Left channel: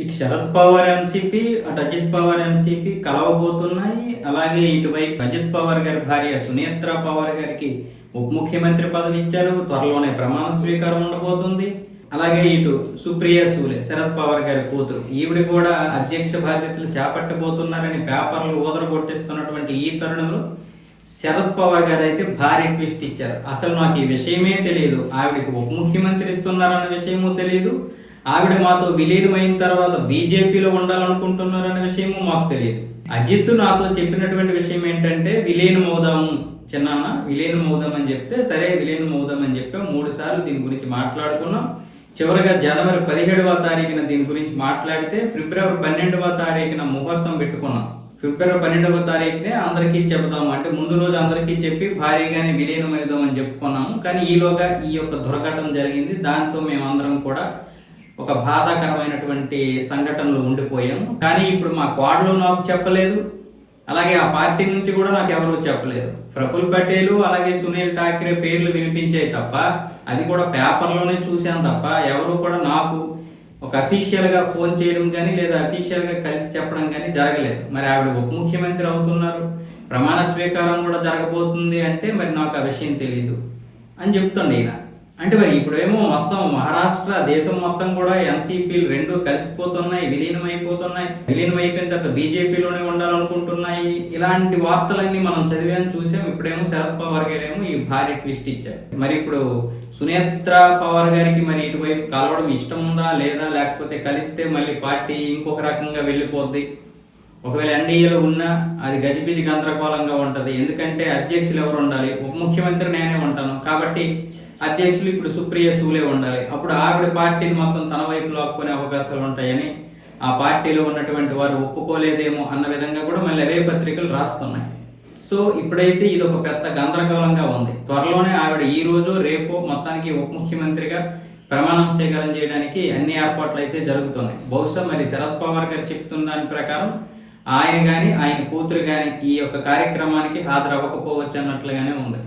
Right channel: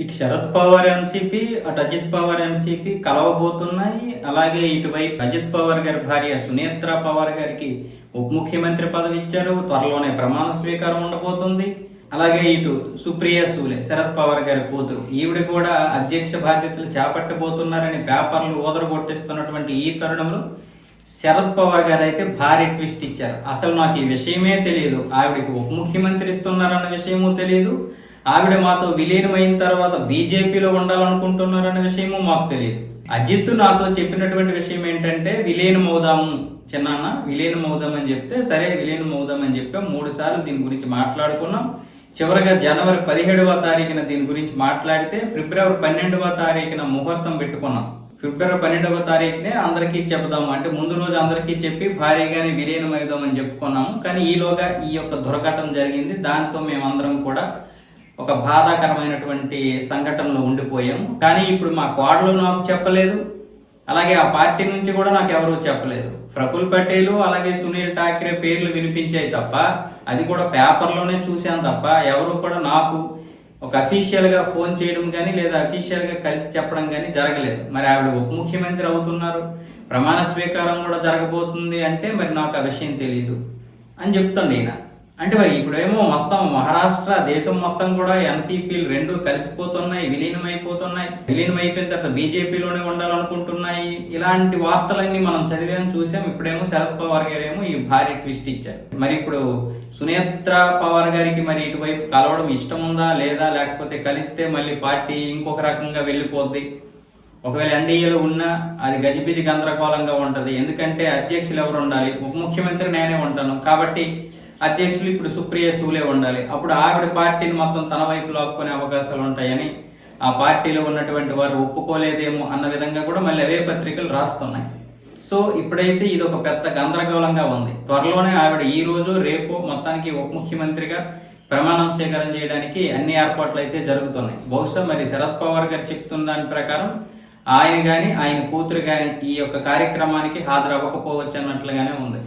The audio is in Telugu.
ఇటు శరద్ పవార్ ఎన్సీపీ, అటు అజిత్ పవార్ ఎన్సీపీ కలవబోతున్నాయి. అలాగే ఇటువైపు అజిత్ పవార్ గారి భార్య సునేత్ర పవార్ గారికి ఉప ముఖ్యమంత్రి పదవి ఇచ్చారు. త్వరలోనే ప్రమాణ స్వీకారం ఉండబోతుంది. అలాగే ఇటు సుప్రియ సూలే, శరద్ పవార్ గారి కూతురు, ఈవిడ కూడా అధ్యక్ష బాధ్యతలు చేపట్టబోతున్నారని పేపర్లు ఊదరగొట్టేస్తున్నటువంటి ఈ తరుణంలో శరద్ పవార్ గారు అయితే భారీ ట్విస్ట్ ఇచ్చారు. అసలు నాకు ఈ విషయమే తెలియదు, ఆవిడకి ఉప ముఖ్యమంత్రి ఇస్తున్నారన్న విషయమూ తెలియదు, ఆవిడ మాతో విలీనమైన తర్వాత బీజేపీలో ఉండాలనుకుంటున్నారన్న విషయము మాకు తెలియదు. అజిత్ నాతో చెప్పినటువంటి విషయం ఏంటంటే విలీనం అవుదాము చిన్నాన్న, విలీనం అవుదాం అని చెప్తే సరే విలీనం అవుదాం అని చెప్పాం. 3 సార్లు దీని గురించి మాట్లాడుకున్నాం. చివరిగా జనవరి 17వ తారీఖున దీని గురించి మాట్లాడితే ఫిబ్రవరి 12వ తారీఖున ముహూర్తం పెట్టుకున్నాం. ఫిబ్రవరి 12వ తారీఖునే అందరికీ చెబుదాము అంటే ముందు రోజు అందరికీ చెప్పి భారీగానే విలీనం అవుదామని చెప్పుకున్నాము. కానీ ఈలోగా ఈ యొక్క దుర్ఘటన జరిగింది. దాంతో మేమందరం కూడా ఒక బాధాకరమైనటువంటి సంఘటనలో ఉండిపోయాము. కానీ ఇప్పుడు మా కోడలు నాకు చెప్పలేదు, అలాగే ఆ పార్టీ నుంచి కూడా నాకు ఎవరూ చెప్పలేదు. ప్రఫుల్ పటేల్ అలాగే సునీల్ ఠాక్రే పేర్లు వినిపించాయి తప్ప, అది కూడా పేపర్లోనే చూశాను తప్ప ఎవరు కూడా నాకు ఒక అఫీషియల్గా ఫోన్ చేయడం కానీ లేదా అఫీషియల్గా కలిసి చెప్పడం కానీ జరగలేదు. మరి ఆవిడ ఉప ముఖ్యమంత్రి అవుతున్నారు, ప్రమాణ స్వీకారం కూడా జరగబోతుంది అంటే మరి నాకు ఆ విషయం తెలియదు అని చెప్తుంది ఈయన. అంటే మరి ఇప్పుడేమో మొత్తం మహారాష్ట్ర దేశం మొత్తం కూడా ఎన్సీపీలు రెండు కలిసిపోతున్నాయి, విలీనం అయిపోయిన తర్వాత బీజేపీలోనే ఉండాలనుకుంటున్నాయి. ఇలాంటి వార్తలన్నీ మనం చదివాం, చూసాం. ఇప్పుడేమో శరద్ పవార్ గారు ఏమో ఈ భారీ ట్విస్ట్ ఇచ్చారు. మరి ఇప్పుడు సునేత్ర పవార్ గారికి మరి ఇటువైపు కలవడం ఇష్టం ఉందా లేదా, లేకపోతే కలిస్తే మళ్ళీ పార్టీ ఇంకొక రకంగా వెళ్ళిపోద్ది. ఒకవేళ ఎన్డీఏలో ఉన్నా అది గజిబిజి గందరగోళంగా ఉంటుంది. ఎందుకంటే అధ్యక్షులు ఎవరు ఉండాలి, ఉప ముఖ్యమంత్రి నేనే ఉంటాను కాబట్టి అధ్యక్షులు ఇప్పుడు సుప్రియ సూలే ఉండాలి. అప్పుడు ఆవిడ పార్టీని మొత్తం తన వైపు లాక్కునే అవకాశాలు ఉంటాయని ఆ పార్టీలో ఉన్నటువంటి వారు ఒప్పుకోలేదేమో అన్న విధంగా కూడా మళ్ళీ అవే పత్రికలు రాస్తున్నాయి. సో ఇప్పుడైతే ఇది ఒక పెద్ద గందరగోళంగా ఉంది. త్వరలోనే ఆవిడ ఈ రోజు రేపు మొత్తానికి ఉప ముఖ్యమంత్రిగా ప్రమాణం స్వీకారం చేయడానికి అన్ని ఏర్పాట్లు అయితే జరుగుతున్నాయి. బహుశా మరి శరద్ పవార్ గారు చెప్తున్న దాని ప్రకారం ఆయన కానీ ఆయన కూతురు కానీ ఈ యొక్క కార్యక్రమానికి హాజరవ్వకపోవచ్చు అన్నట్లుగానే ఉంది.